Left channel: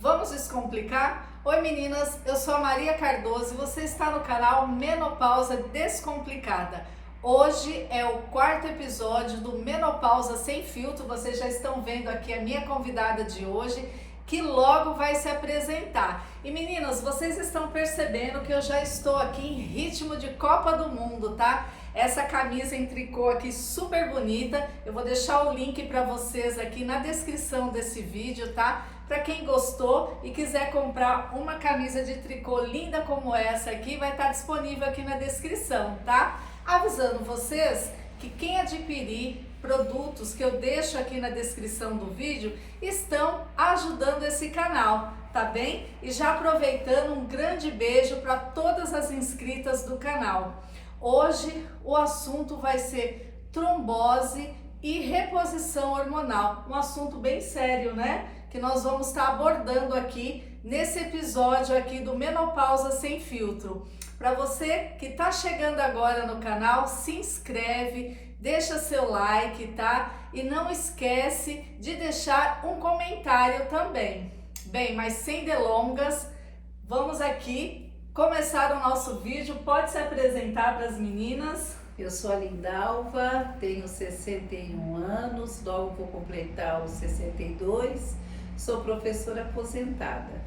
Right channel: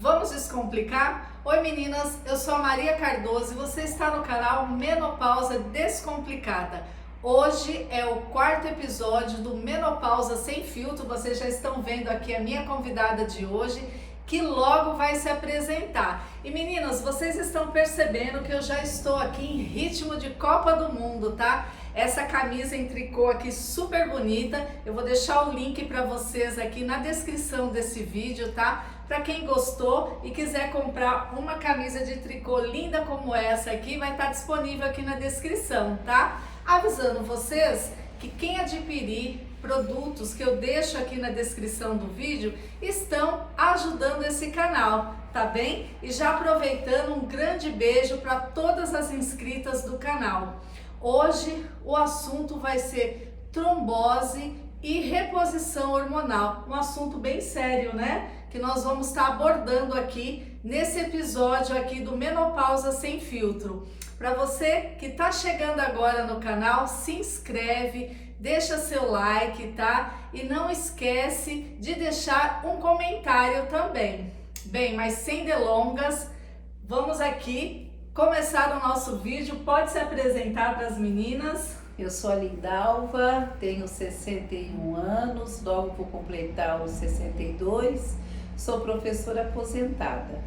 Vamos descomplicar? Oi meninas, eu sou a Maria Cardoso e você está no canal Menopausa Descomplicada. Hoje é o quarto episódio do Menopausa Sem Filtro. Vocês já estão vendo aqui a minha convidada de hoje, que logo vai se apresentar. E meninas, vocês estão percebendo que eu já estou aqui em ritmo de Copa do Mundo, tá? Essa camisa em tricô aqui super bonita, eu vou deixar o link para vocês aqui na descrição desse vídeo, tá? Para quem gostou e quiser comprar uma camisa de tricô linda como essa aqui, vai estar disponível aqui na descrição, tá? Avisando vocês que quem adquirir produtos que eu deixo aqui na descrição do vídeo estão ajudando esse canal, tá bem? E já aproveitando, um grande beijo para todas as inscritas do canal. Hoje o assunto vai ser trombose e reposição hormonal, um assunto bem sério, né? Que nós vamos estar abordando aqui nesse episódio aqui do Menopausa Sem Filtro. Para você que está chegando agora no canal, se inscreve, deixa seu like, tá? E não esquece de deixar um comentário também. Bem, mas sem delongas, vamos aqui começar o nosso vídeo. Pode se apresentar para as meninas. Eu sou a Lindalva, tenho 61 anos, logo vou completar os 62, sou professora aposentada.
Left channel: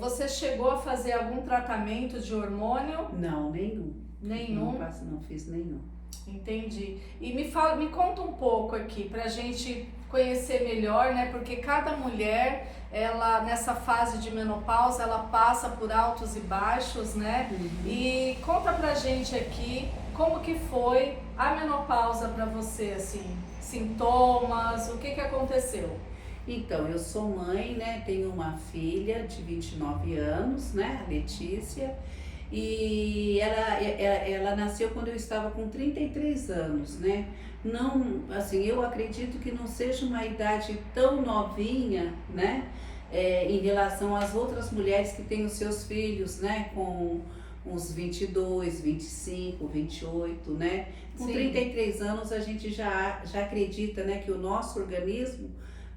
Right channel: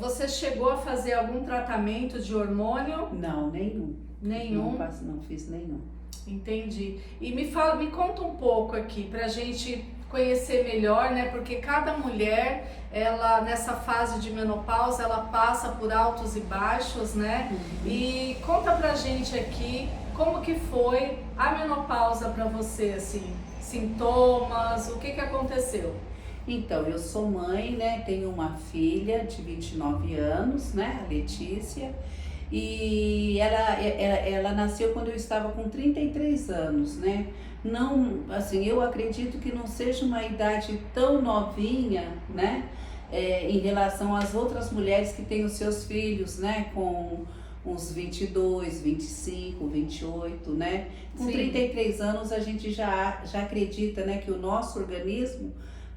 Você chegou a fazer algum tratamento de hormônio? Não, nenhum. Nenhum? Não fiz nenhum. Entendi. E me conta um pouco aqui pra gente conhecer melhor, né? Porque cada mulher, ela nessa fase de menopausa, ela passa por altos e baixos, né? E conta pra gente aqui como que foi a menopausa pra você, assim, sintomas, o que aconteceu? Então, eu sou mãe, né? Tenho uma filha de 29 anos, né? A Letícia. E ela nasceu quando eu estava com 33 anos, né? Não, assim, eu acredito que não seja uma idade tão novinha, né? Em relação às outras mulheres que têm os seus filhos, né? Com uns 22, 25, 28, né? Com Sim. 33 anos a gente já acredita, né? Que o nosso organismo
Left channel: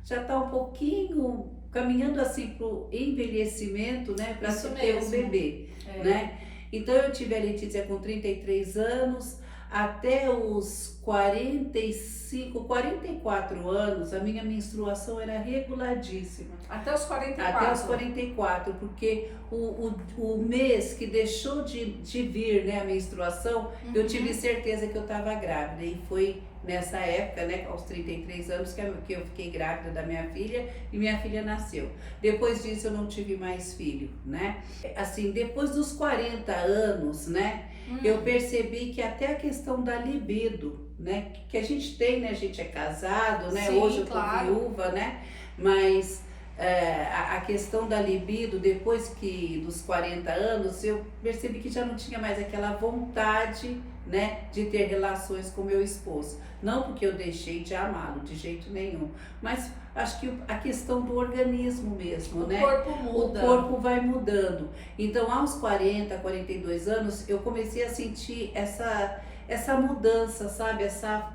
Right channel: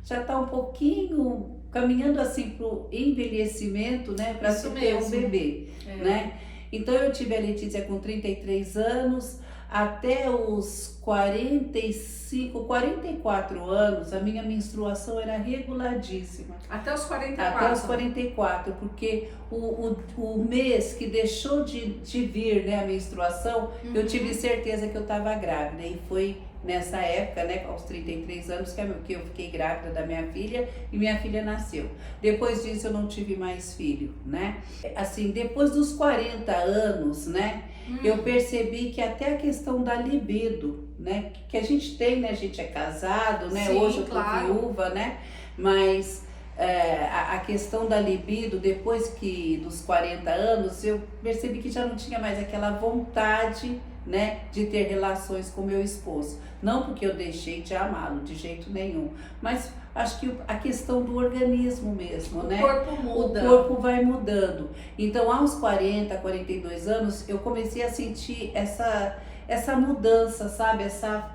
já está um pouquinho caminhando assim para o envelhecimento, né? Para se ter um bebê, né? Então eu tive a Letícia com 33 anos, até os 45, 44 anos, a minha menstruação era reguladíssima. Até os 44? Até os 44, porque o mês que deixou de vir, né, a menstruação, eu tive certeza que eu estava grávida. E foi nessa época, né, aos 33 anos, que eu fiquei grávida da minha filha e minha filha nasceu. Depois disso eu não tive mais filho, né? Assim, depois dos 40 anos, né, eu percebi que até a questão da libido, né, que a gente tem, né, a gente é casado, né, Sim, hoje eu tô claro. viúva, né, mas a questão da libido, depois que dos 40 anos, eu percebi que já não tinha mais aquela vontade, né, de ter relações com meu esposo. Não porque eu deixei de amá-lo, de jeito nenhum, mas acho que a questão do organismo mesmo, né? O corpo muda. O corpo vai mudando. Então, aos 40, 42 anos, eu comecei a sentir essa mudança, sabe? Essa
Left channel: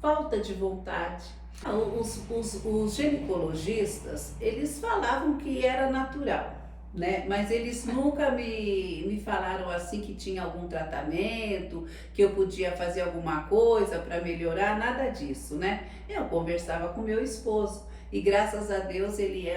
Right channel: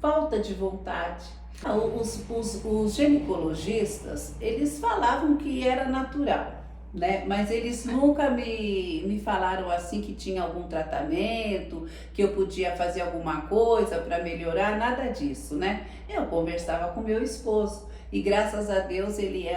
falta de vontade. Os ginecologistas, eles falavam que era natural, né? Mas eles nunca me falaram assim que tinha algum tratamento, que eu podia fazer alguma coisa para melhorar, nada disso, né? Eu conversava com meu esposo e graças a Deus ele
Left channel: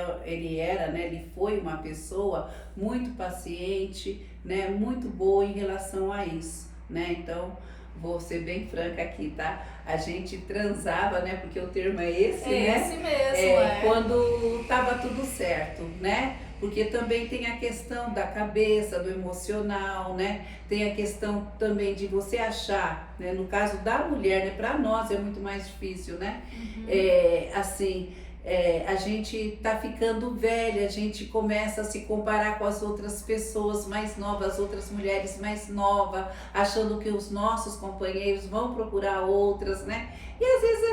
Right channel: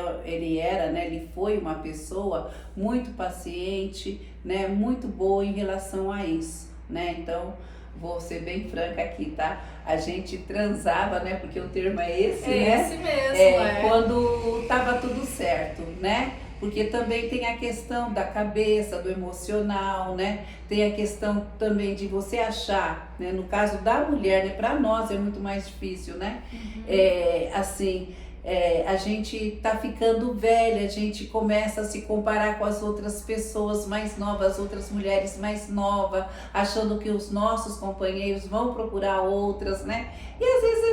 era, né? Ele foi uma pessoa muito paciente, né? Muito boa em relação a isso, né? Então, vou ser bem franca aqui, tá? A gente transava, né? Porque o termo é esse, né? Esse mesmo, Quando tava tudo certo, né? Porque também tem a questão da cabeça, do emocional, né? Tem a questão também de você achar, né? No caso da mulher, né? Para nós é muito mais difícil, né? A gente tá ficando velha, a gente começa a se comparar com as outras pessoas mais novas, as outras mulheres mais novas, achando que os nossos companheiros vão procurar outras, né? E às vezes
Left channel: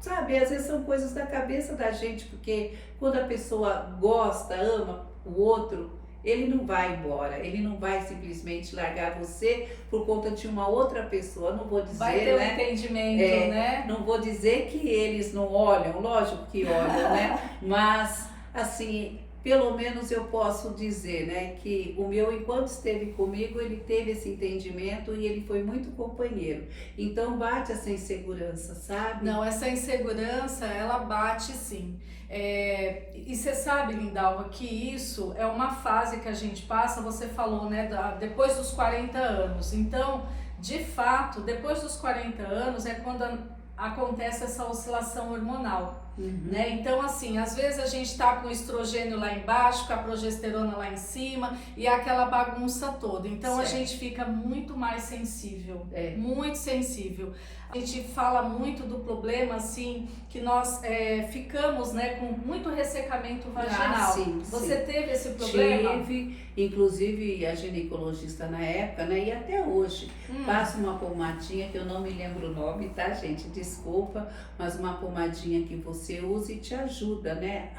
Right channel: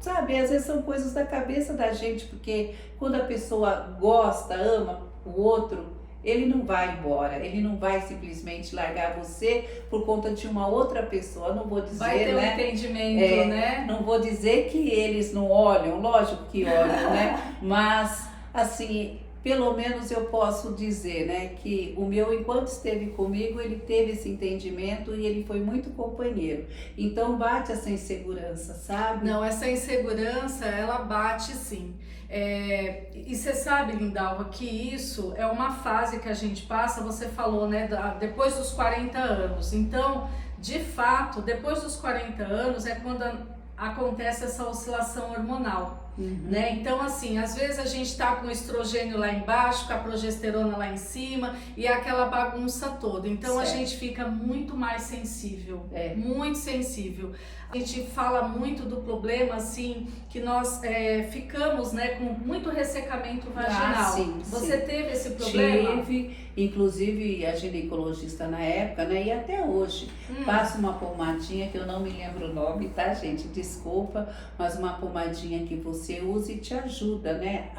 sabe, às vezes são coisas da cabeça da gente, porque quando a pessoa gosta, ama o outro, ele não vai embora, ele não vai simplesmente largar você por conta de uma outra pessoa. Não vou dizer, vai ter um entendimento, né? Não vou dizer que eles não olham, lógico que olham, né? Mas, assim, pelo menos eu posso dizer, né, que o meu, enquanto esteve comigo, ele teve esse entendimento e ele foi muito companheiro. Então bate essa insegurança, sabe? Não, essa insegurança, ela bate sim. E você sabe, Lindalva, que isso é uma fase que a gente passa, você falou, né, depois dos 40 anos. Então, de fato, depois dos 40 anos é quando acontece essa oscilação hormonal. Né? Então, assim, às vezes a gente tá com o estrogênio lá embaixo, com a progesterona lá em cima e aquela bagunça toda. Então, certo. A gente fica muito mais sensível, É. muito sensível. A gente fala muito do problema, assim, que nós ficamos, né, com muito ressecamento vaginal. Sim, Você sim. teve esse problema? Tive, inclusive a ginecologista na época, né, e até hoje, passa uma pomadinha que eu não me lembro o nome, tá, gente? Desculpa, mas uma pomadinha que você usa e te ajuda, né,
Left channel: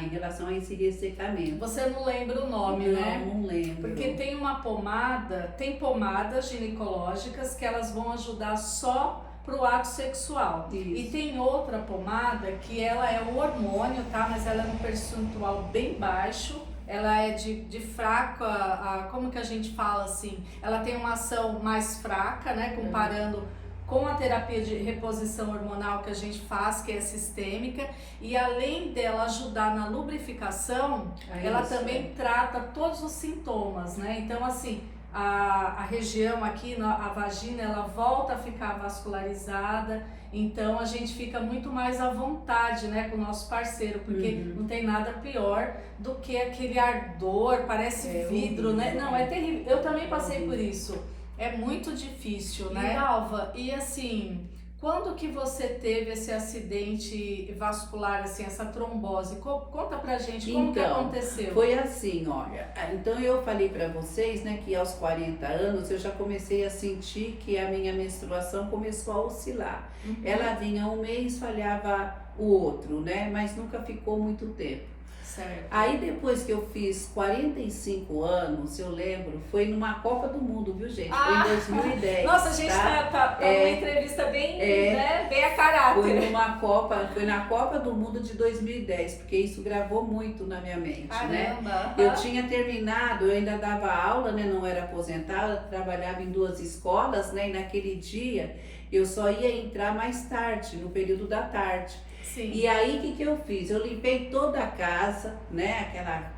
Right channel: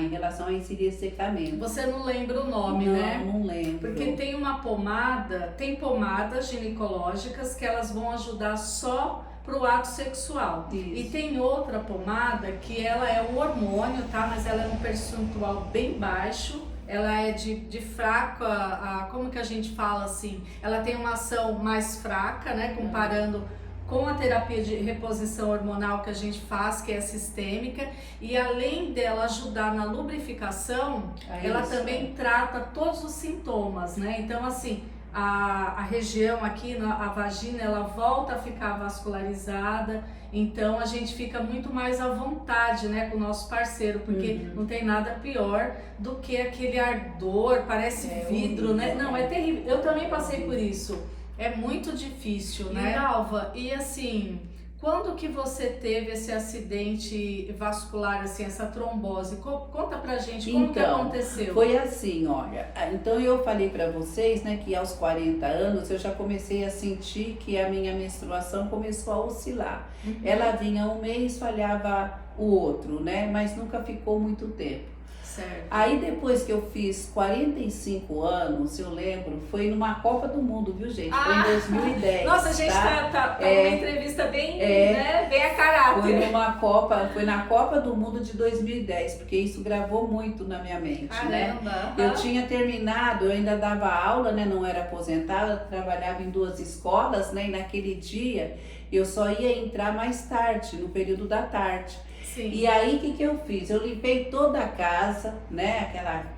em relação a esse ressecamento. Você não lembra o nome, não, né? Não lembro. Porque tem uma pomada, tem pomadas ginecológicas que elas vão ajudar só pro ato sexual. Isso. E tem outra pomada que ela é um hormônio, tá? Mas ela é um percentual bem baixo. Ela é de fraca, como que a gente fala assim? Ela tem uma ação mais fraca, né? Comparando com a terapia de reposição hormonal que a gente faz, que é sistêmica, e além dela ajudar na lubrificação, ela também trata todos os sintomas, né? Então, assim, a região aqui, a vagina, ela volta a ficar vascularizada, então a gente fica muito mais à vontade, né, com o nosso parceiro, porque não tem nada pior do que aquele ardor, parece vidro, horrível, né? Não, é terrível. Eu também passei por isso. É muito difícil, né? Alva, e assim, quando que você teve esse acidente vascular, assim, essa trombose? Conta pra gente como que aconteceu. Foi assim, olha, então eu falei pra vocês, né, que aos 40 anos eu já comecei a sentir que a minha menstruação começou a oscilar. Ela vinha um mês, falhava o outro, né, mas nunca ficou muito tempo. Certo. Aí depois que eu fiz 45 anos, eu lembro, foi numa Copa do Mundo, viu, gente? Foi em 2010. Nossa, a gente tá uma entrevista bem, né, bem a caráter. Foi na Copa do Mundo de 2010, porque isso gravou muito na minha mente, né? Eu tinha terminado, eu ainda dava aula, né? Não era aposentada, trabalhava em 2 escolas, né? E naquele dia eu só ia entrar mais tarde, no período da tarde. Sim. E aí, o que eu fiz? Eu limpei toda a casa, né?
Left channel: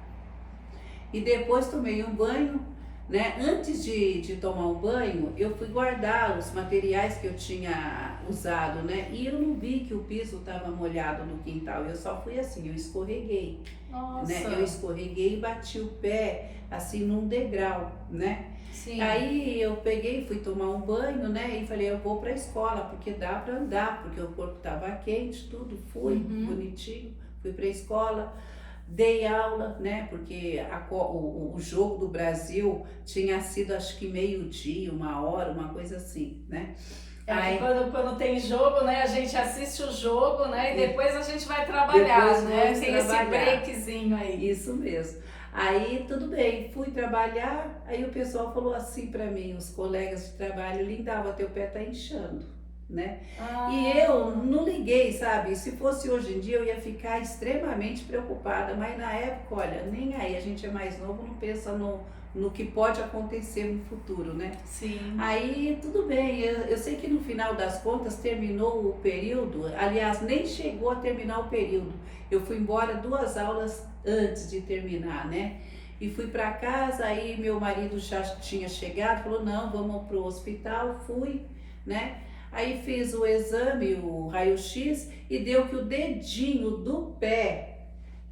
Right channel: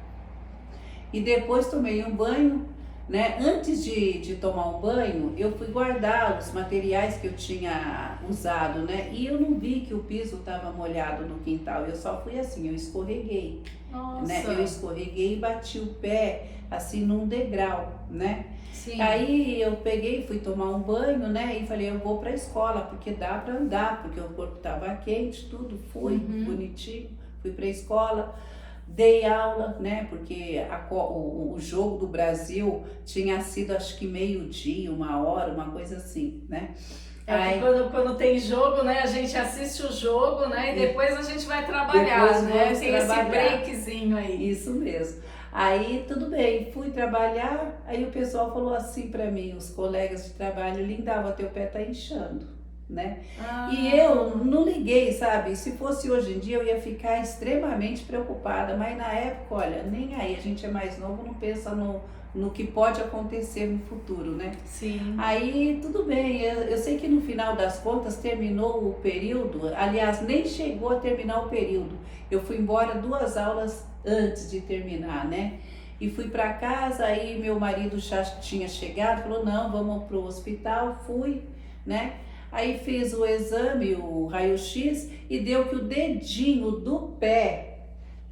E depois tomei um banho, né? Antes de tomar um banho, eu fui guardar os materiais que eu tinha usado, né? E eu não vi que o piso estava molhado no quintal. Eu só fui assim, eu escorreguei. Nossa. Né? Eu escorreguei e bati o pé, assim, num degrau, né? Sim. Aí eu peguei, fui tomar um banho, né? E falei, eu vou pra escola, porque dá pra andar, porque o corpo tava quente, tudo. Fui, bonitinho, fui pra escola, dei aula, né? Porque o jogo do Brasil tinha sido, acho que 12h, 1h, uma coisa assim, né? Aí, quando tem jogo, né? A gente assiste o jogo, né? E depois a gente vai trabalhar, né? Tem esse breakzinho aí. Isso mesmo. Aí tudo bem, fui trabalhar, aí o pessoal falou assim pra mim, os colegas de trabalho, Lindalva, teu pé tá inchando, né? E eu não liguei, sabe? Se fosse hoje em dia eu ia ficar extremamente preocupada, mas na época, olha, nem aí, a gente é mais novo, não pensa no que pode acontecer no futuro, né? Sim. Aí tudo bem, eu sei que no final das contas terminou o período, aliás, nem chegou a terminar o período. Eu fui embora 2 aulas antes de terminar, né? E fui para casa, aí meu marido já tinha chegado, falou, não, vamos pro hospital, fui, né? Aí fiz o exame, o raio-x, e deu que o dedinho do pé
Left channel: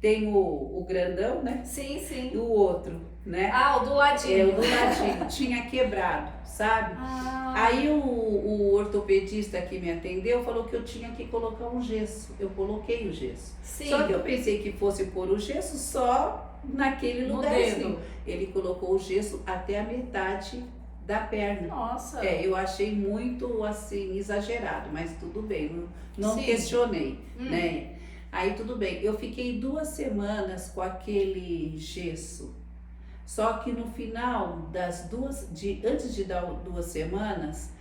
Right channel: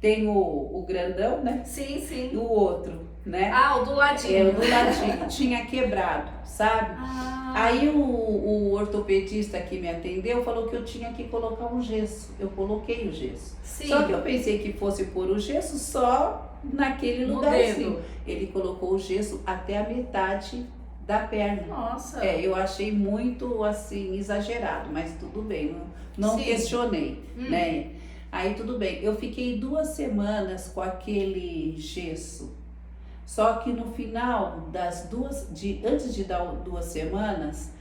tem o grandão, né? Sim, sim. E o outro, né? O do ladinho. O do ladinho, tinha quebrado, sabe? Aí o ortopedista que me atendeu falou que eu tinha que colocar um gesso. Eu coloquei o gesso. Sim. Só que eu pensei que fosse pôr o gesso só naquele lugarzinho. Ele colocou o gesso até a metade da perna. Nossa. Eu achei muito assim exagerado, mas tudo bem, não questionei, né? Aí tudo bem. Eu fiquei 2 semanas com aquele gesso. Só que no final antes de dar 2 semanas,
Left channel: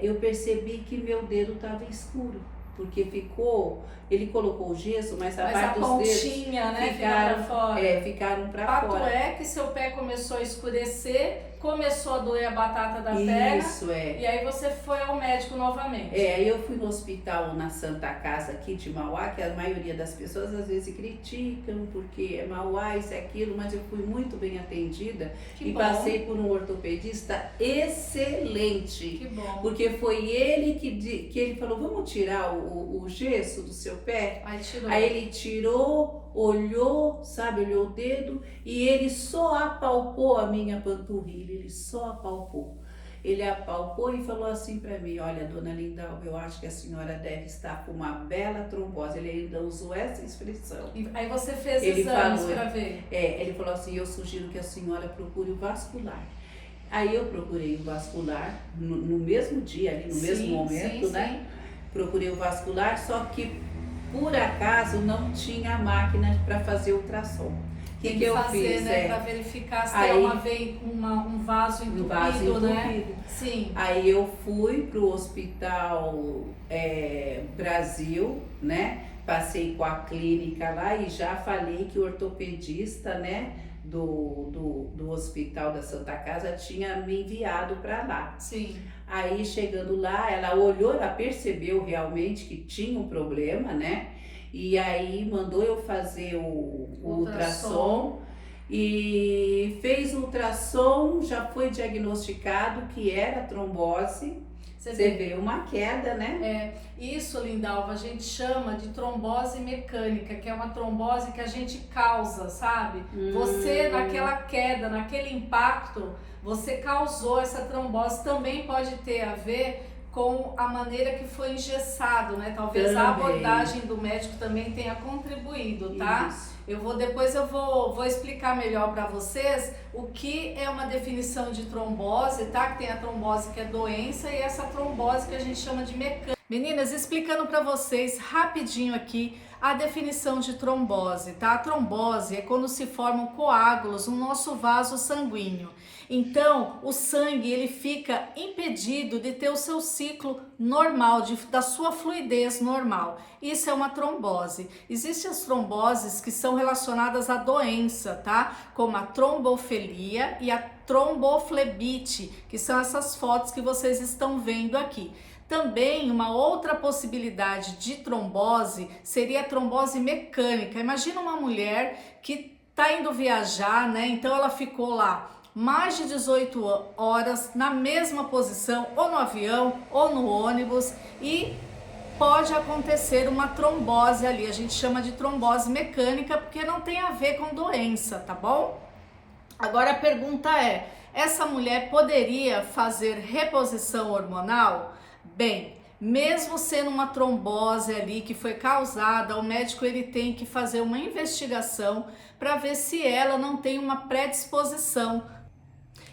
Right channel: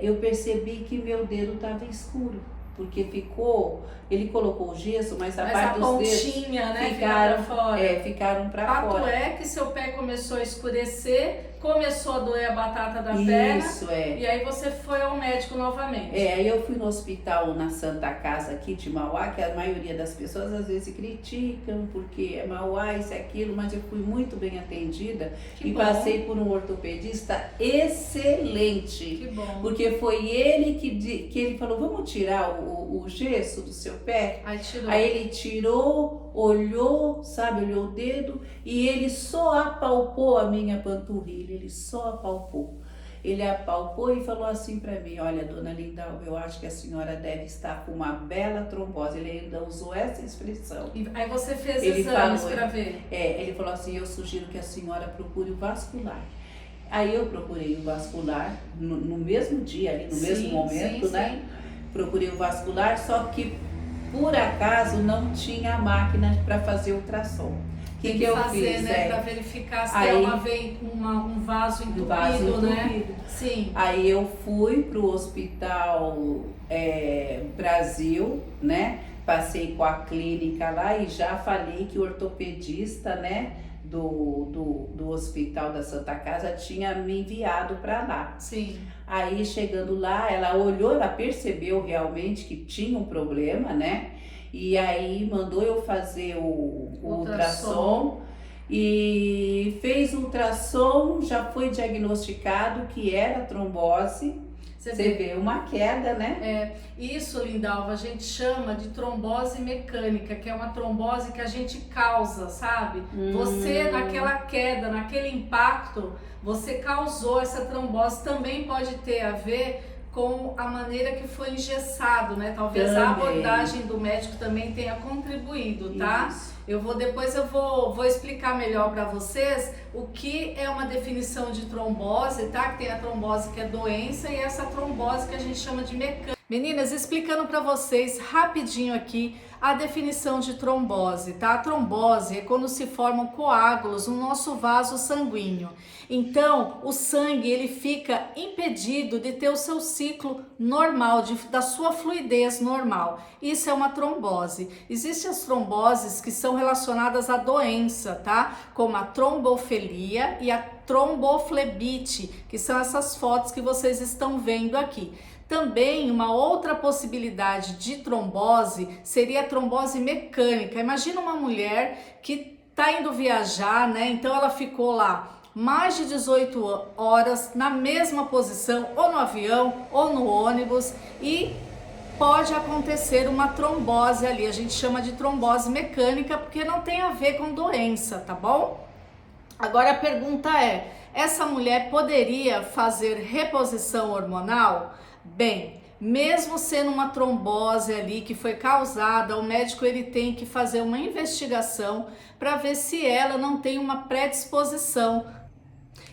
eu percebi que meu dedo estava escuro, porque ficou, ele colocou o gesso, mas a Mas parte a dos dedos pontinha, né, ficaram, fica pra fora. ficaram para Fato fora. é que seu pé começou a escurecer, começou a doer a batata da perna. Isso, E aí você foi ao médico novamente. Aí eu fui no hospital na Santa Casa aqui de Mauá, que a maioria das pessoas às vezes criticam porque é Mauá, isso é aquilo, mas eu fui muito bem atendida e passei por um ortopedista excelente. Que bom. Porque foi ele que ele falou, vamos tirar o gesso do seu pé? Aí tirou. Aí ele tirou, olhou, sabe, olhou o dedo e ele só apalpou a minha panturrilha, ele só apalpou. Ele apalpou e falou assim para mim, olha, dona Lindalva, eu acho que a senhora deve estar com uma bela trombose. Ele ainda usou essa expressão. Aí você fez Ele exames falou, para ver. Ele falou assim, eu sugiro que a senhora procure o vascular. Aí eu procurei o vascular no mesmo dia, ali no mesmo momento, né? Procurei o vascular, só que por acaso não tinha a máquina para fazer ultrassom. O que eu fiz? Né, para verificar se aí, é um vaso entupido, né? Sim. Aí eu fui pro Hospital Brasil, né? Passei com a clínica lá e já falei que o ortopedista, né? Do Hospital da Santa Casa tinha me enviado para lá. Sim. Aí chegando lá, ela olhou, ela percebeu realmente que tinha um problema, né? E aí mandou eu fazer o ultrassom e fez o ultrassom, já foi diagnosticado que era trombose. Você vê uma queda, né? Isso, Lindalva, a gente chama de trombose mecânica, que é uma trombose que a gente causa, sabe? Você, naquela queda, naquele impacto, você causou essa trombose. Também pode ter a ver com a maneira que foi engessado, né? Talvez a abordagem do médico também tenha contribuído, tá? Isso. Depois eu vou explicar melhor para vocês o que é uma definição de trombose, tá? Que tem a trombose que é doença e essa trombose que a gente chama de mecânica. Meninas, explicando para vocês rapidinho aqui a definição de trombose, tá? A trombose é quando se formam coágulos no nosso vaso sanguíneo. Então, o sangue ele fica impedido de ter o seu ciclo normal, da sua fluidez normal. Isso é uma trombose. Existem as tromboses que são relacionadas à doença, tá? Como a trombofilia e a tromboflebite, que são essas fotos que vocês estão vendo aqui. Também uma outra possibilidade de trombose seria a trombose mecânica. Imagina uma mulher que está indo viajar, né? Então ela ficou lá mais de 18 horas na mesma posição, ou no avião ou no ônibus, e pode acontecer uma trombose ali. A gente chama de trombose mecânica porque não tem a ver com doença, tá bom? Agora a pergunta é, essa mulher poderia fazer reposição hormonal? Bem, mesmo sendo uma trombose ali que foi causada, o médico ele tem que fazer uma investigação para ver se ela não tem uma predisposição.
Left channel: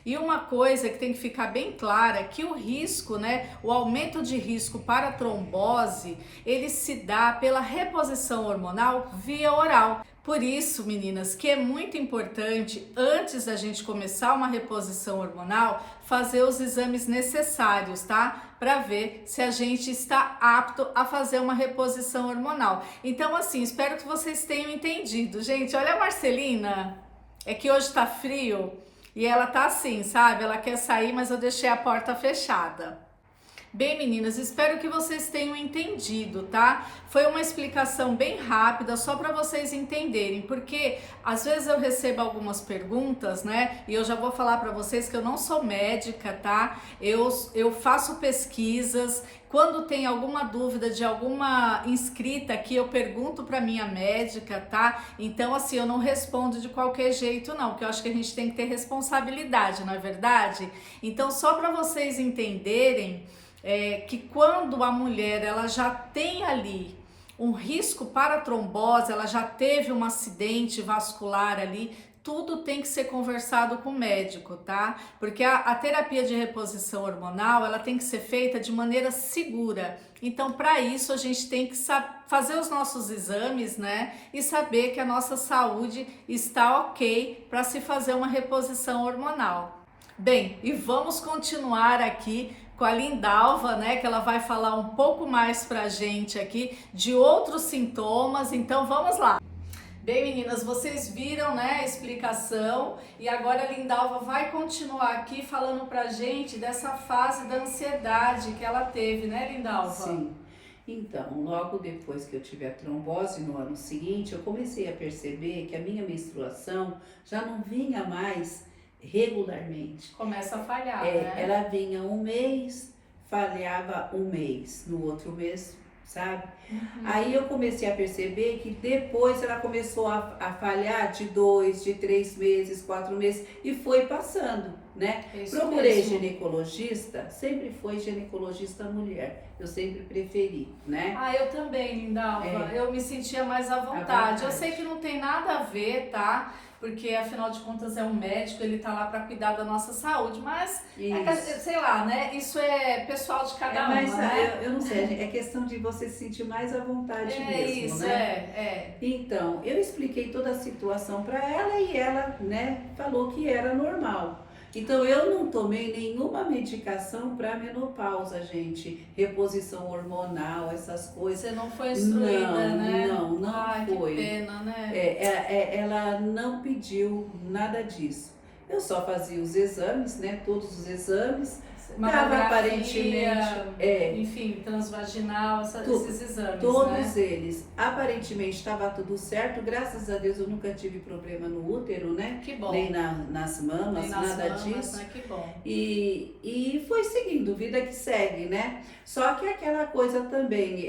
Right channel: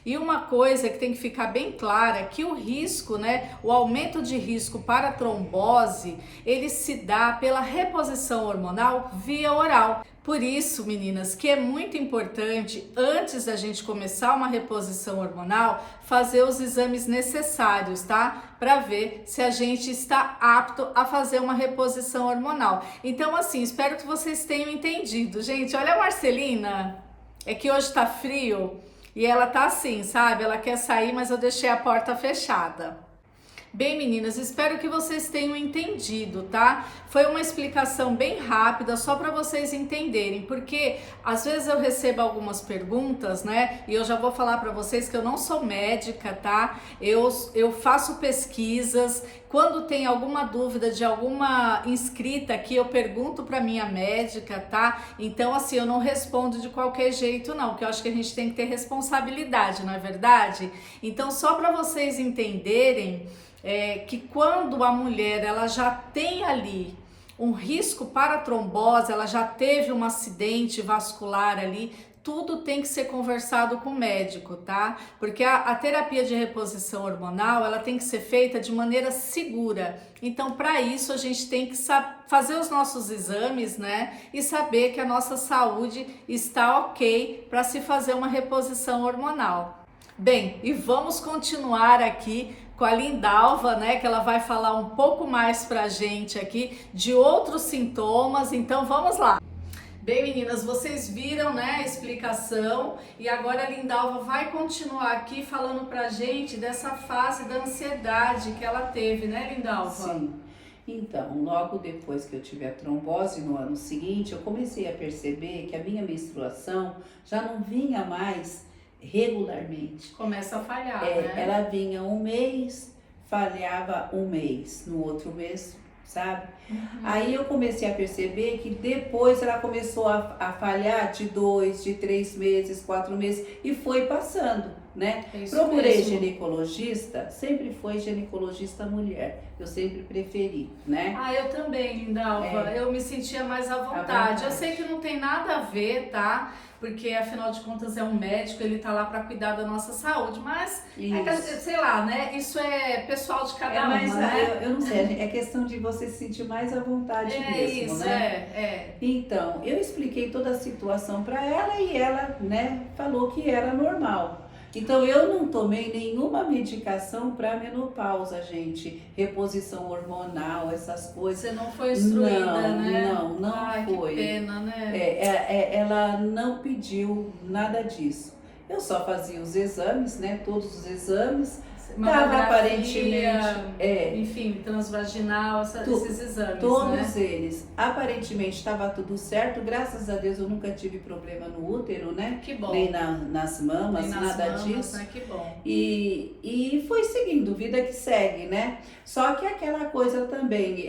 E uma coisa que tem que ficar bem clara é que o risco, né, o aumento de risco para trombose, ele se dá pela reposição hormonal via oral. Por isso, meninas, que é muito importante, antes da gente começar uma reposição hormonal, fazer os exames necessários, tá? Para ver se a gente está apto a fazer uma reposição hormonal. Então, assim, espero que vocês tenham entendido. Gente, olha a Marcelina, é que hoje tá frio e ela tá assim, sabe? Ela quer sair, mas eu deixei a porta fechada. Bem, meninas, espero que vocês tenham entendido, tá? Foi uma explicação bem rápida, só para vocês entenderem, porque às vezes eu recebo algumas perguntas, né? E eu já vou falar para vocês que eu não sou médica, tá? Eu faço pesquisas. Quando tem alguma dúvida de alguma inscrita aqui, eu pergunto para minha médica, tá? Então, assim, eu não respondo de qualquer jeito, não, porque eu acho que a gente tem que ter responsabilidade, não é verdade? Então, só para vocês entenderem que quando a mulher ela já tem ali um risco para trombose, ela já teve um acidente vascular ali, tudo tem que ser conversado com o médico, tá? Porque a terapia de reposição hormonal, ela tem que ser feita de maneira segura. Então, para isso, a gente tem que fazer os nossos exames, né? E saber que a nossa saúde está ok para se fazer uma reposição hormonal. Bem, e vamos continuar aqui com a Lindalva, né, que ela vai falar um pouco mais pra gente aqui de outros sintomas. Então vamos lá. Bem, meninas, vocês viram, né, a explicação, e agora a Lindalva vai continuar aqui falando pra gente dessa fase da ansiedade que ela teve, né, Lindalva? Sim. Então, logo depois que eu tive a trombose no ano seguinte, eu comecei a perceber que a minha menstruação já não vinha mais regularmente. Começa a falhar, né? Ela vinha um mês, falhava um mês, no outro mês, sabe? Aí eu comecei a perceber que depois ela começou a falhar de 2, de 3 meses, 4 meses, e foi passando, né? Procurei ginecologista, sempre foi ginecologista mulher, eu sempre preferi, né? Ah, eu também, Lindalva, eu me sentia mais à vontade. Eu sei que não tem nada a ver, tá? Porque afinal de contas é um médico, ele tá lá para cuidar da nossa saúde, mas sei lá, né? Isso é pessoal de cada uma, né? Eu não sei, é questão de você se sentir mais à vontade mesmo, isso, né? Então, eu expliquei toda a situação para ela e ela, né, falou que era normal. Então, eu não tomei nenhuma medicação para menopausa, gente. Reposição hormonal, essas coisas. Você não foi instruída, né? Não Ai, foi. Que pena, né? Ela não pediu nada disso. Eu só fazia os exames, né? Todos os exames. Dava aparentemente. Enfim, transvaginal, esses exames. Todos né? eles. Aparentemente estava tudo certo. Graças a Deus eu nunca tive problema no útero, né? Que bom. Nem nas mamas, Nem nas nada mamas, disso. Né? Que bom. E foi seguindo, vida que segue, né? Só que aquela coisa também,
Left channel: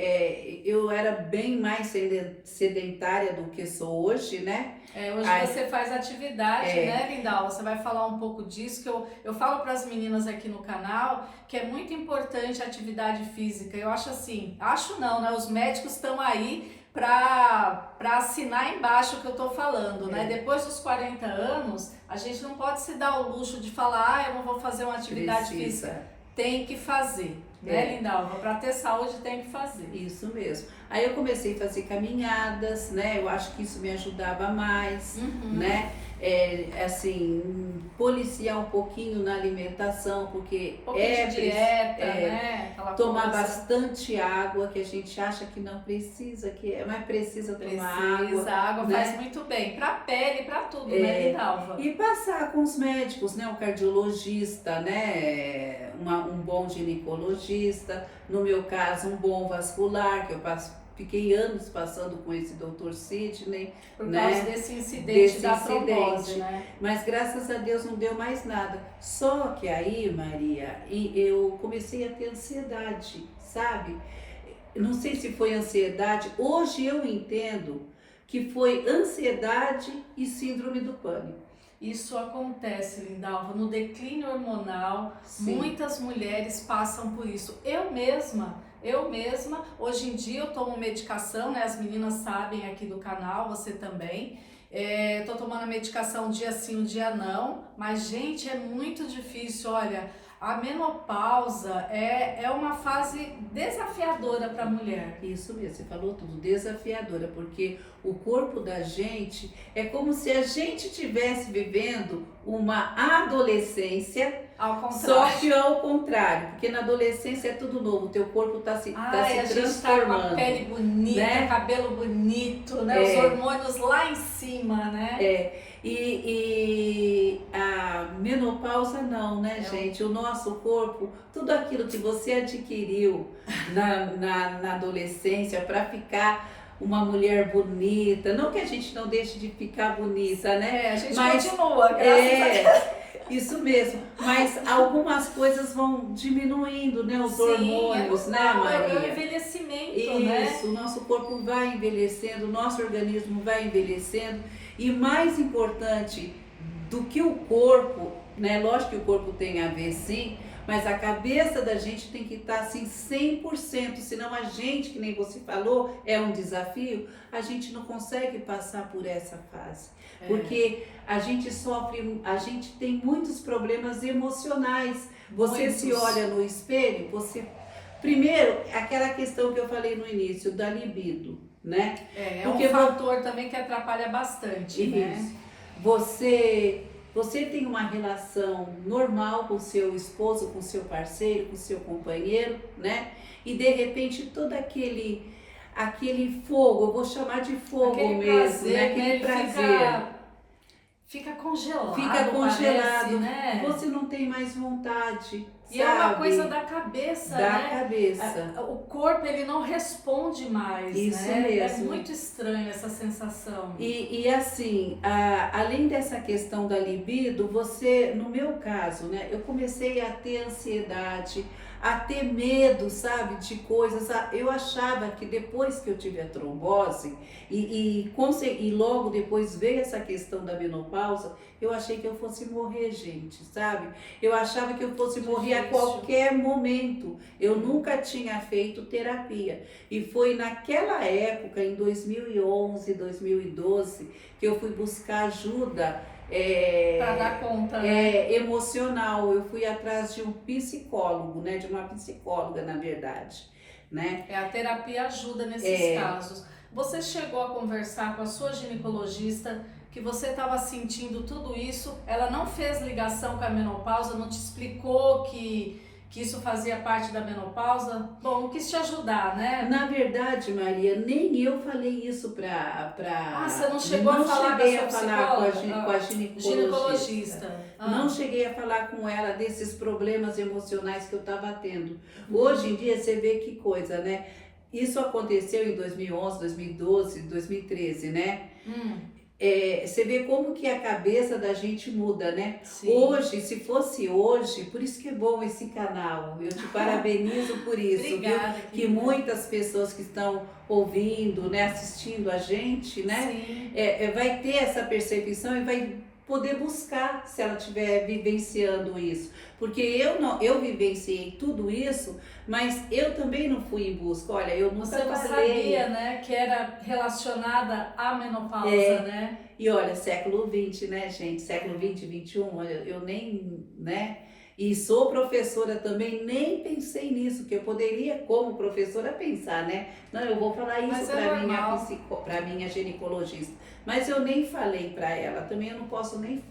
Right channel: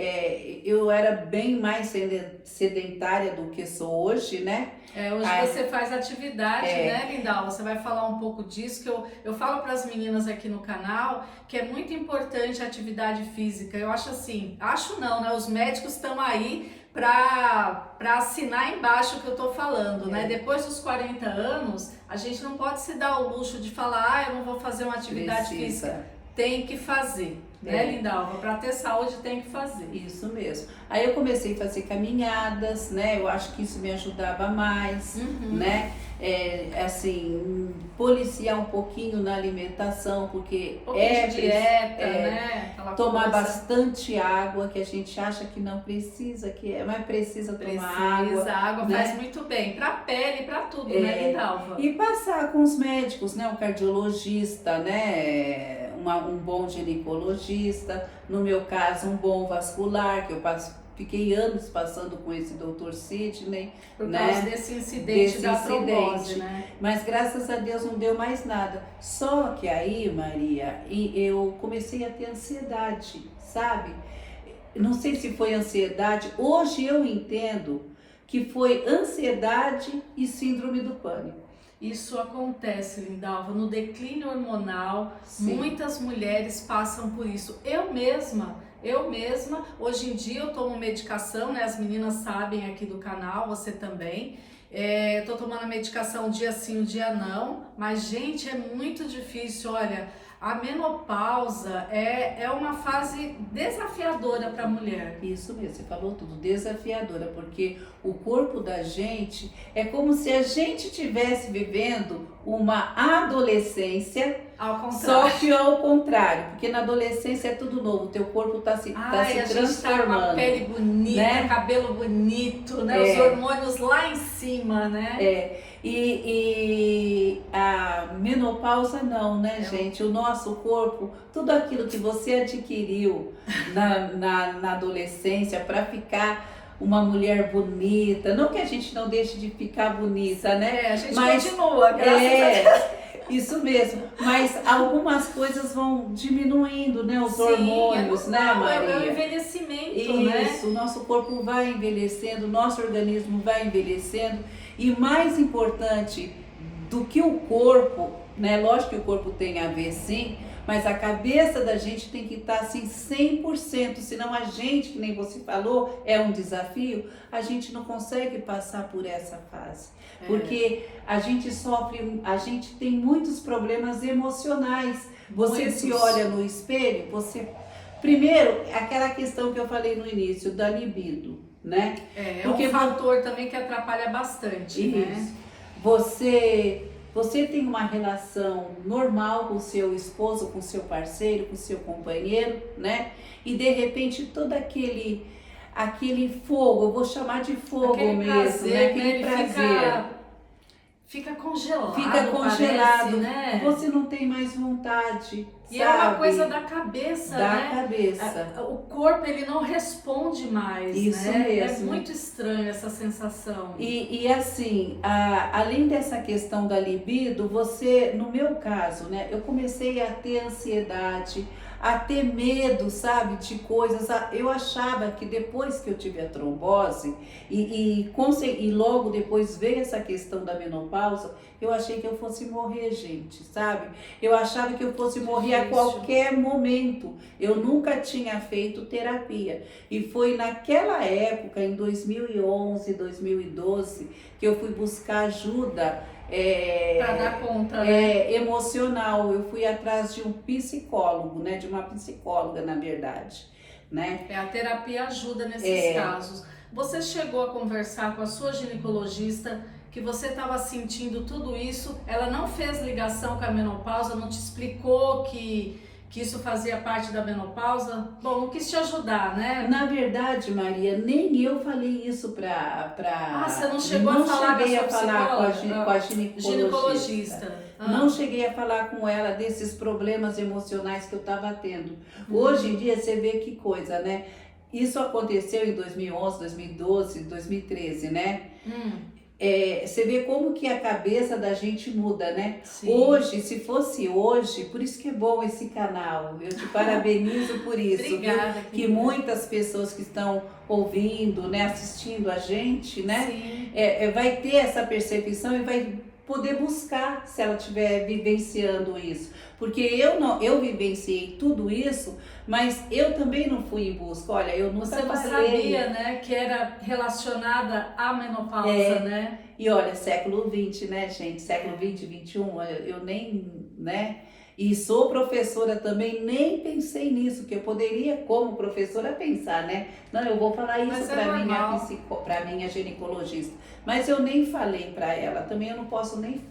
eu era bem mais sedentária do que sou hoje, né? Hoje você faz atividade, né, Lindalva? Você vai falar um pouco disso, que eu falo para as meninas aqui no canal que é muito importante a atividade física. Eu acho assim, acho não, né? Os médicos estão aí para assinar embaixo o que eu tô falando, né? Depois dos 40 anos, a gente não pode se dar o luxo de falar, eu não vou fazer uma atividade física. Tem que fazer, né, Lindalva? Para ter saúde tem que fazer. Isso mesmo. Aí eu comecei a fazer caminhadas, né? Eu acho que isso me ajudava mais, né? Assim, policiar um pouquinho na alimentação, porque de dieta, né? Tomar bastante água, que a gente acha que não precisa, mas precisa tomar água. A água faz muito bem para a pele, para tudo, né, Lindalva? E passar com os médicos, né? Um cardiologista, né? Um bom ginecologista, no meu caso, um bom vascular, que eu fiquei anos passando com esse Dr. Sidney. Por causa desse incidente da trombose, né? Mas graças a Deus não deu mais nada. Só que aí, Maria, eu comecei a ter ansiedade, sabe? Não sei se foi ansiedade. Hoje eu entendo que foi ansiedade e síndrome do pânico. Isso acontece, Lindalva, no declínio hormonal. Sim. Muitas mulheres passam por isso. Eu mesma, hoje em dia eu tomo medicação, né? As meninas sabem aqui do canal, você também. Eu tô tomando a medicação um dia sim, um dia não. Mas, gente, é muito difícil. Olha, a menopausa é uma fase desafiadora para a mulher. Isso mesmo, você falou tudo, desafiadora, porque o corpo da gente é como se a gente estivesse vivendo uma adolescência, só que ao contrário, porque na adolescência é tudo novo, o teu corpo está se transformando. A gente tá com a pele bonita, né? Cabelo bonito, né? Os hormônios lá em cima, né? E a menopausa não, né, gente? O nosso corpo, tudo aquilo que você adquiriu na adolescência para ficar uma mulher bonita, não que a gente não deixe de ficar bonita, né? A gente continua, graças a Deus. Isso mesmo, mas algumas coisas vão diminuindo, né? Os hormônios, né, Maria? É o envelhecimento, Isso, o nosso corpo vai envelhecendo, o nosso organismo vai envelhecendo. E mais importante do que o corpo, né? Lógico que o corpo tem a ver sim, mas a cabeça da gente tem que estar assim 100%, senão a gente, que nem você falou, é um desafio, a gente não consegue passar por essa fase. Porque a gente sofre, a gente tem muitos problemas emocionais. Você se olha no espelho, primeiro, aquela questão que eu falei no início, da libido, né? Porque um fator também que atrapalha bastante, né? Você você tem uma relação normal com o seu esposo, com o seu parceiro, com o seu companheiro, né? E de repente todo aquele fogo, eu vou chamar de fogo aquele mesmo, prazer, né? Aquele ele prazer. fica congelado, Fica congelado, parece, né? você não tem mais vontade, E sabe? é uma coisa da cabeça, Da né? cabeça. O corpo, ele não responde mais, Isso né? mesmo. É muito estranho essa sensação. E assim, além dessa questão da libido, você, no meu caso, né, eu comecei a ter ansiedade, a ter medo, sabe, de coisas. Eu achava que depois que eu tive a trombose e logo depois veio essa questão da menopausa, eu achei que eu fosse morrer, gente, sabe? Eu achava que eu fosse morrer a qualquer momento. Eu nunca tinha feito terapia. E foi naquela época, em 2011, 2012, que eu fui buscar ajuda Para dar conta, né? emocional. Eu fui atrás de um psicólogo, né? De uma psicóloga, na verdade, né? A terapia ajuda nesses casos. Você chegou a conversar com a sua ginecologista que você estava sentindo tudo isso? Ela não fez ligação com a menopausa, não te explicou que isso fazia parte da menopausa? Bom, não quis te ajudar, né? Na verdade, Maria, nem eu falei isso pra... Você não chegou a falar com a sua psicóloga? Com a ginecologista. Não cheguei a falar com ela desses problemas emocionais que eu estava tendo. Hoje em dia, você vê que coisa, né? Isso aconteceu em 2011, 2012, 2013, né? Você vê como que a cabeça da gente muda, né? Sim. Hoje, se fosse hoje, por isso que é bom esse canal, eu te parabenizo por isso. Obrigada, que muitas pessoas que estão ouvindo, né, assistindo a gente, né, vai ter essa percepção e vai poder buscar se ela estiver vivenciando isso. Porque eu vivenciei tudo isso, mas eu também não fui em busca. Olha, eu nunca Você não falei. sabia, né, que era relacionada à menopausa, né? E olha, século XX, né, gente? Século XX, XXI, eu nem, né? E sou professora também, nem pensei nisso, que eu poderia, como professora, pensar, né? Não, eu vou falar isso para minha ginecologista. Mas eu nem falei para ela, também eu não posso nem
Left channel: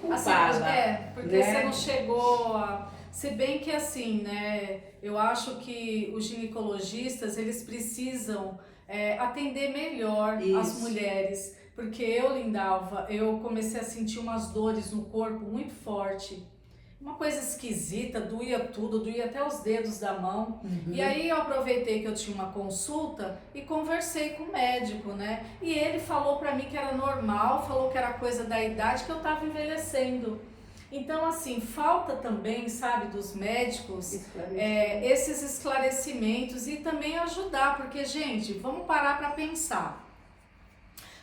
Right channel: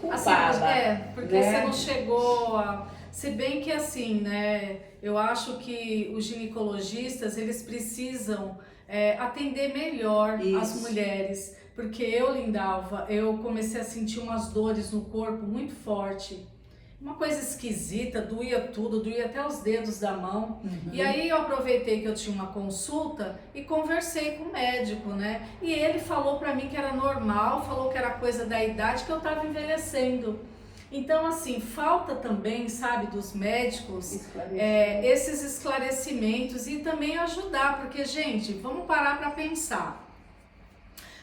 culpá-la. Porque né? você não chegou a... Se bem que assim, né, eu acho que os ginecologistas, eles precisam atender melhor as mulheres. Porque eu, Lindalva, eu comecei a sentir umas dores no corpo muito forte. Uma coisa esquisita, doía tudo, doía até os dedos da mão. E aí eu aproveitei que eu tinha uma consulta e conversei com o médico, né? E ele falou pra mim que era normal, falou que era coisa da idade, que eu tava envelhecendo. Então, assim, falta também, sabe, dos médicos, esses esclarecimentos e também ajudar, porque, gente, vamos parar pra pensar.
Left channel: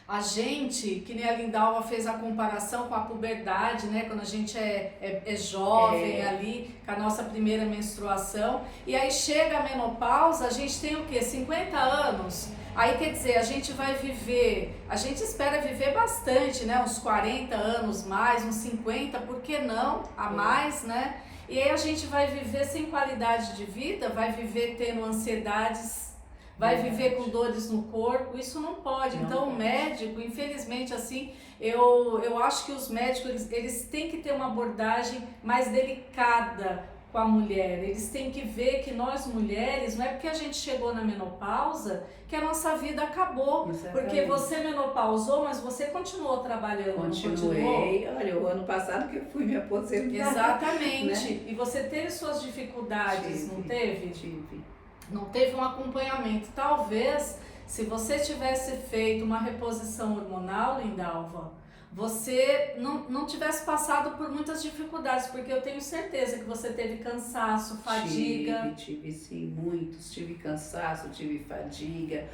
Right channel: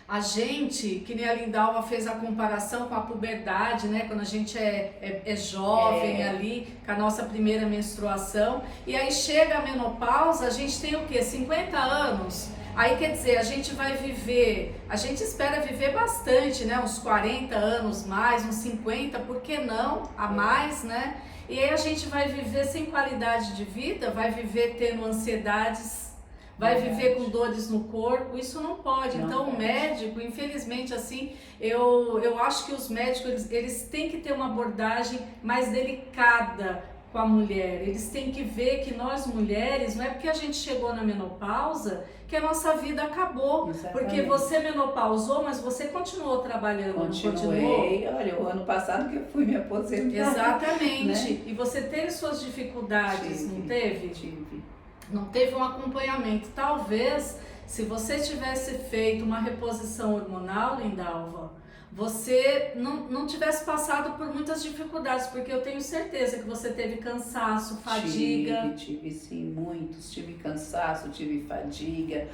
A gente, que nem a Lindalva fez a comparação com a puberdade, né? Quando a gente é jovem ali, com a nossa primeira menstruação. E aí chega a menopausa, a gente tem o quê? 50 anos? Aí quer dizer, a gente vai viver, a gente espera viver bastante, né? Uns 40 anos mais, uns 50, por que não? A mais, né? E aí a gente vai viver sem qualidade de vida, vai viver tendo ansiedades, vai viver com dores no corpo, isso não pode. Então o médico, infelizmente assim, eu acho que os médicos, eles têm que ter uma abordagem mais delicada com a mulher. Eles têm que ver que nós mulheres, não é porque a gente chegou na menopausa que a nossa vida acabou. Exatamente. Porque você menopausou, mas você continuou trabalhando, Continuei. Olha, o ano passado que eu fui me aposentar. Exatamente. Né? E você teve suas dificuldades, não teve? Tive. Não teve um acompanhamento. Talvez, se você tivesse feito uma reposição hormonal, Lindalva, você não tivesse passado por muitas dificuldades, porque eu tenho certeza que você teve cansaço, fadiga. Tive sim, muitos. Tive cansaço, tive fadiga,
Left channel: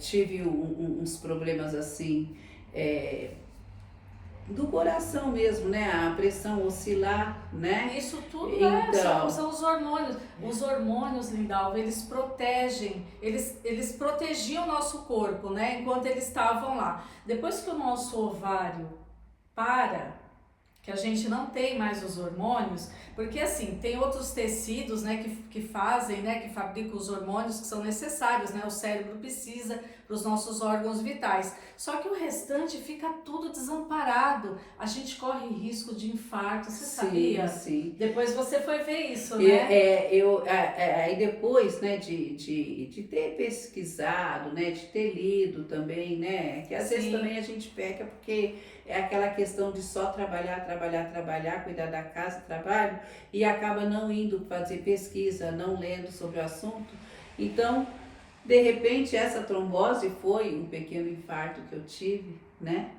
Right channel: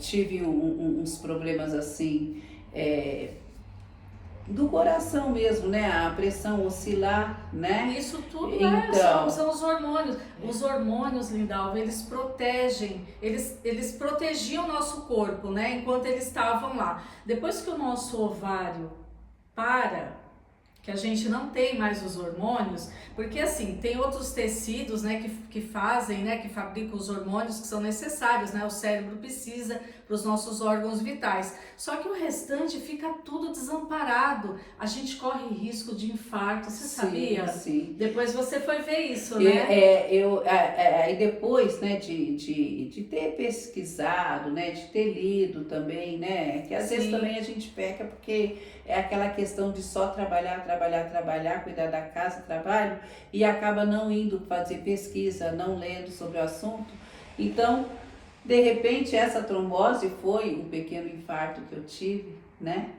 tive uns problemas assim... do coração mesmo, né? A pressão oscilar, né? Isso tudo então, são os hormônios. Os hormônios, Lindalva, eles protegem, eles protegiam o nosso corpo, né? Enquanto eles estavam lá. Depois que o nosso ovário que a gente não tem mais os hormônios, porque assim, tem outros tecidos, né, que fazem, né, que fabricam os hormônios que são necessários, né? O cérebro precisa para os nossos órgãos vitais. Só que o restante fica tudo desamparado. A gente corre risco de infarto, você sabia? Sim. Depois você foi ver isso, né? Aí depois, né, de ter pesquisado, né, de ter lido também, né, que às vezes também a gente peca porque é aquela questão de só trabalhar, cuidar da casa, trabalho, e acaba não indo fazer pesquisa, não lendo sobre o assunto. Então, de repente, essa trombose foi um pequeno infarto que eu tive, né?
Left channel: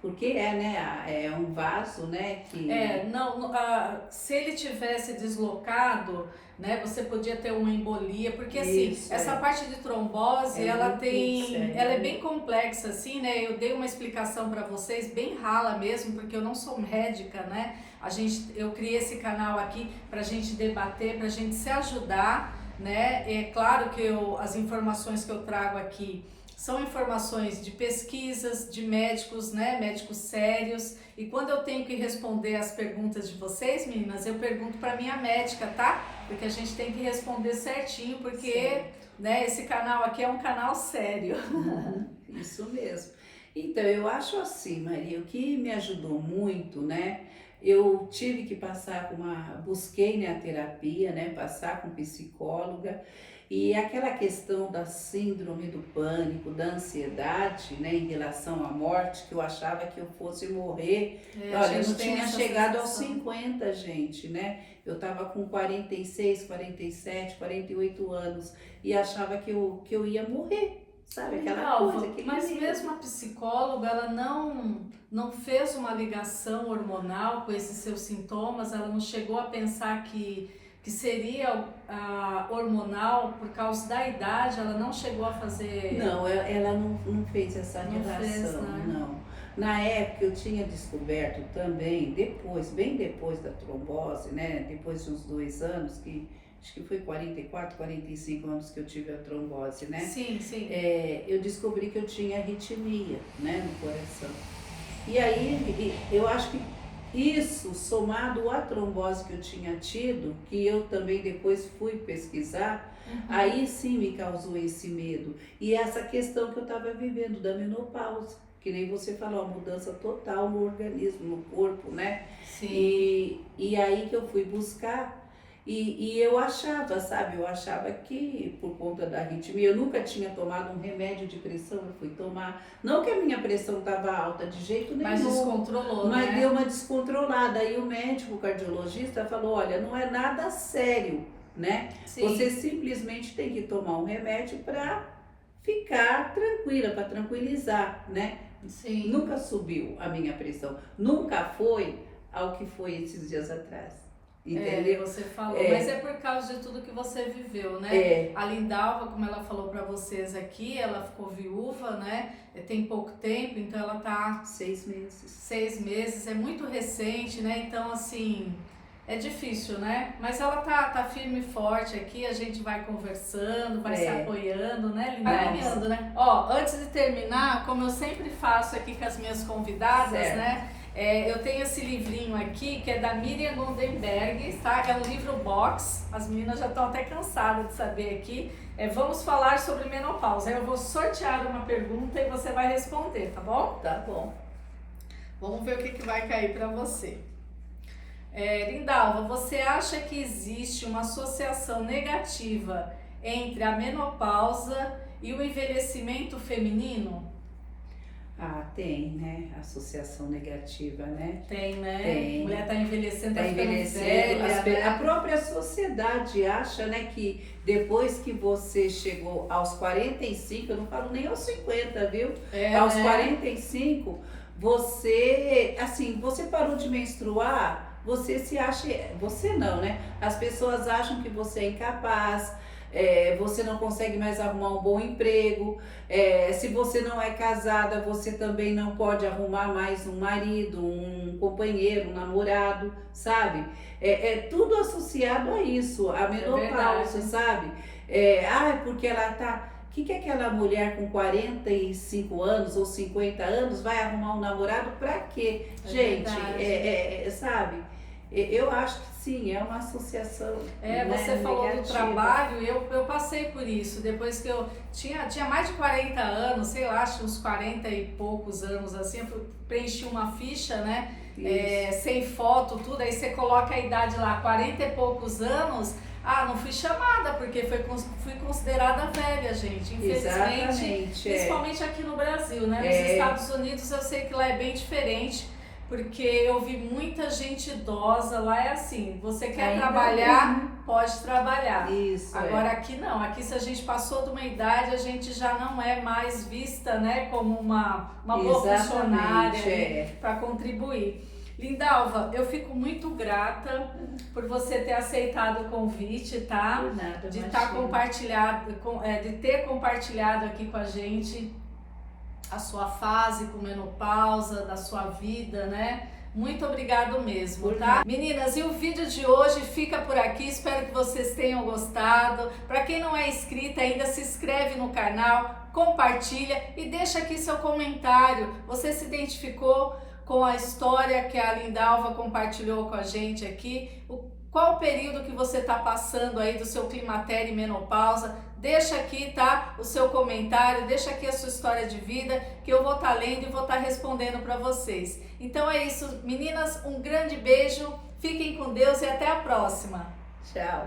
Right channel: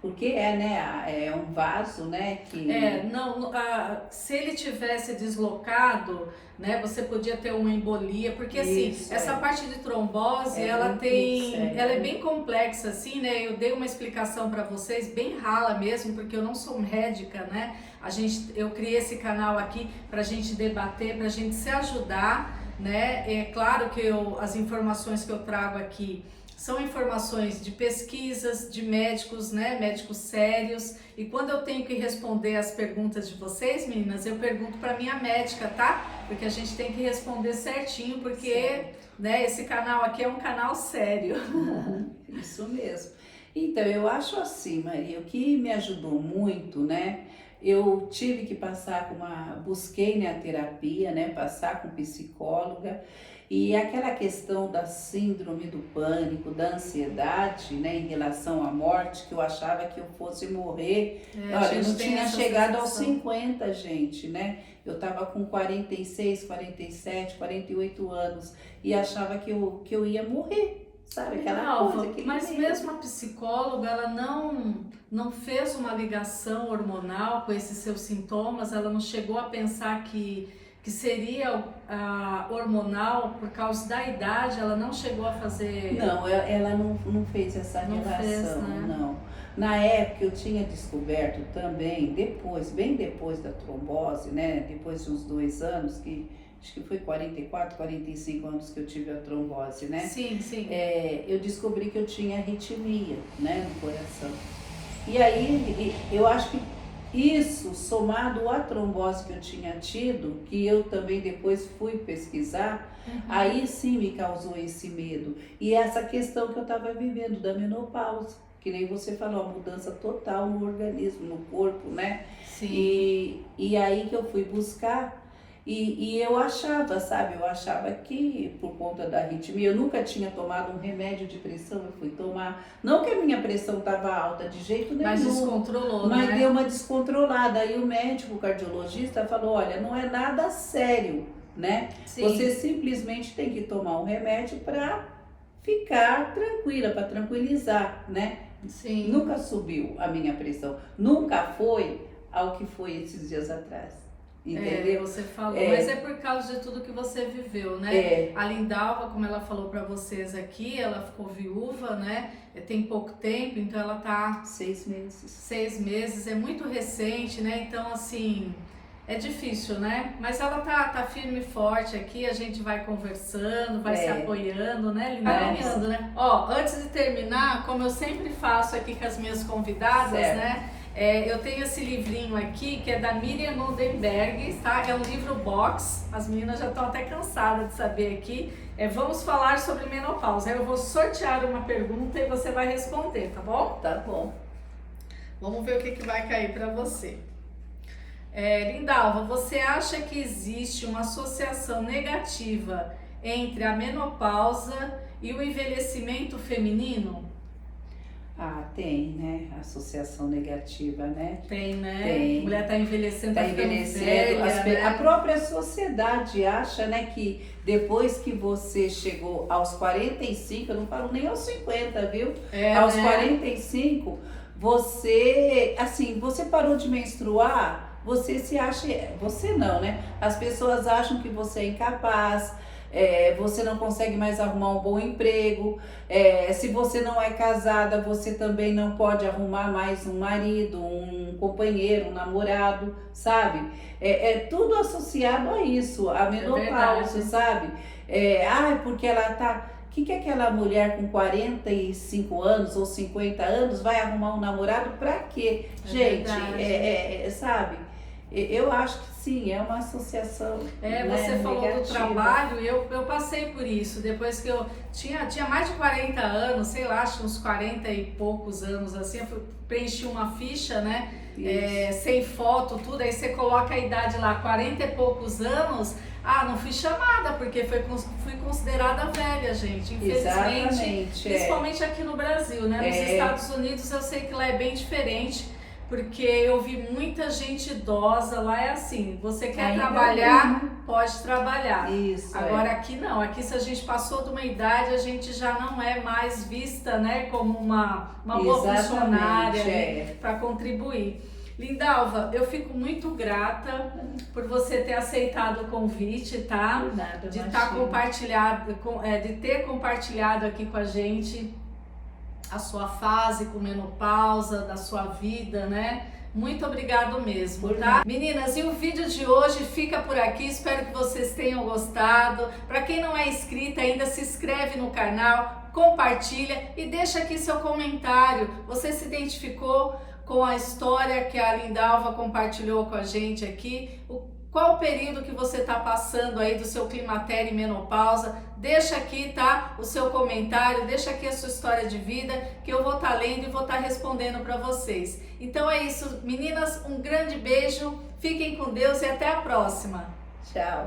Porque é um vaso, né? Que... se ele tivesse deslocado, né, você podia ter uma embolia, porque assim, essa parte de trombose, ela é bem complexa, assim, né? Eu dei uma explicação para vocês, bem rala mesmo, porque eu não sou médica, né? Eu criei esse canal aqui pra gente debater, pra gente se ajudar, né? É claro que as informações que eu trago aqui são informações de pesquisas, de médicos, né? Médicos sérios. E quando eu tenho que responder as perguntas de vocês, meninas, eu pergunto para minha médica, tá? Porque a gente tem que responder certinho, porque né, esse canal aqui é um canal sério. Isso mesmo. Então, eu acho assim, Maria, o que me ajudou muito, né? Eu tive que passar busquei, né, a terapia, né? Passar com psicóloga. E aquela questão da síndrome do pânico, da ansiedade, né, em relação à morte, que eu achava que eu fosse morrer. Olha, eu não tinha chegado aos 50, gente, né? Eu estava com 46, 47, 48 anos e achava que eu ia morrer, sabe? Aquela coisa. Mas mesmo a psicóloga, ela não fez uma ligação hormonal com esses seus sintomas, ela não chegou a pensar que seria hormonal por causa da idade, ela não chegou a fazer... Não, ela não fez essa relação, não. Na época eu tinha descoberto também, bem depois da trombose, né, depois de uns 2 anos, acho que foi 44, 45 anos que eu tive a trombose, né? Sim. Eu descobri que eu tinha arritmia, né, no coração. E aí, eu acho que isso, somado à trombose que eu tinha tido, que eu também depois fui pesquisar, aí sim me causou esse medo. E essa questão que eu estava vivendo da menopausa, que nem você falou, a mudança total no organismo, no corpo, né? Sim. E aí que eu fui buscar, e eu achava, sabe? Eu achava que por conta da arritmia, eu nunca tinha tomado um remédio de pressão, eu fui tomar. Não que a minha pressão estava alta de jeito nenhum. Mas descontrolou, mas né? Deu uma descontrolada. Aí o médico, o cardiologista, falou, olha, não é nada sério, né? Sim. Você simplesmente tem que tomar um remédio para ficar tranquila, para tranquilizar, né? Sim. Nunca subiu a minha pressão, nunca foi ao que foi esses dias atrás. Entendeu? Você falou, mas é por causa de tudo que você viveu, né? A Lindalva, como ela falou para vocês aqui, ela ficou viúva, né? Tem pouco tempo, então ela tá 6 meses. 6 meses, é muito recente, né? Então, assim, é difícil, né? Mas ela tá firme e forte aqui, a gente vai conversando, vai se apoiando, né? Ganhando, né? Ó, antes de terminar, como eu sempre faço aqui com as minhas convidadas, né? Eu tenho esse livrinho aqui, que é da Miriam Goldenberg, tá? É um livro box, as meninas já estão até cansadas de saber aqui. Vamos falar sobre menopausa. Eu vou sortear uma pergunta e você vai responder, tá bom? Tá bom. Vamos ver o que vai cair para você. Lindalva, você acha que existe uma associação negativa entre a menopausa e o envelhecimento feminino? Tem, né? Associação negativa, né? Tem, né? Tem. A mulher tá envelhecendo, tá envelhecendo. velha, né? A própria sociedade acha, né, que depois que você chegou aos 45, eu não falo nem aos 50, viu? Aos 45, você parou de menstruar, você se acha, você não, né? As pessoas acham que você é incapaz, você não consegue mais arrumar um bom emprego, se você não é casada, você também não pode arrumar mais um marido, um companheiro, um namorado, sabe? Tudo associado a isso, a menopausa, sabe? Porque ela tá... O que aquela mulher com 45 anos ou 50 anos vai arrumar um namorado pra quê? Gente, sabe? Eu acho que Sim, é uma associação. Você falou do negativa. trabalho, eu passei por isso. Depois que eu tinha mais de 40 anos, sei lá, acho que uns 40 e poucos anos assim, eu preenchi uma ficha, né? Sem foto, tudo, aí você coloca a idade lá, 40 e poucos anos. Não fui chamada, porque fui considerada velha, gente. Infelizmente, Exatamente, principalmente aqui no Brasil, né? Nos Estados Unidos eu sei que lá é bem diferente, porque eu vi muita gente idosa, lá é assim, você quer Ainda trabalhar, pode trabalhar. Isso. Agora aqui não, aqui se a gente passou de uma idade, a gente já não é mais vista, né, como uma boa funcionária para contribuir. Lindalva, eu fico muito grata por você ter aceitado o convite, tá? Por nada, de ter compartilhado aqui com a gente a sua fase com menopausa, da sua vida, né? Muito obrigado mesmo, tá? Meninas, e o vídeo de hoje fica por aqui, espero que vocês tenham gostado. Para quem não é inscrita ainda, se inscreve no canal, compartilha e deixa aqui seu comentário. Você se identificou com a história que a Lindalva compartilhou com a gente aqui? Qual o período que você está passando aí do seu climatério e menopausa? Deixa aqui, tá? O seu comentário, deixa aqui a sua história de vida, que eu vou estar lendo e vou estar respondendo para vocês. Então é isso, meninas, um grande beijo, fiquem com Deus e até a próxima. Tchau.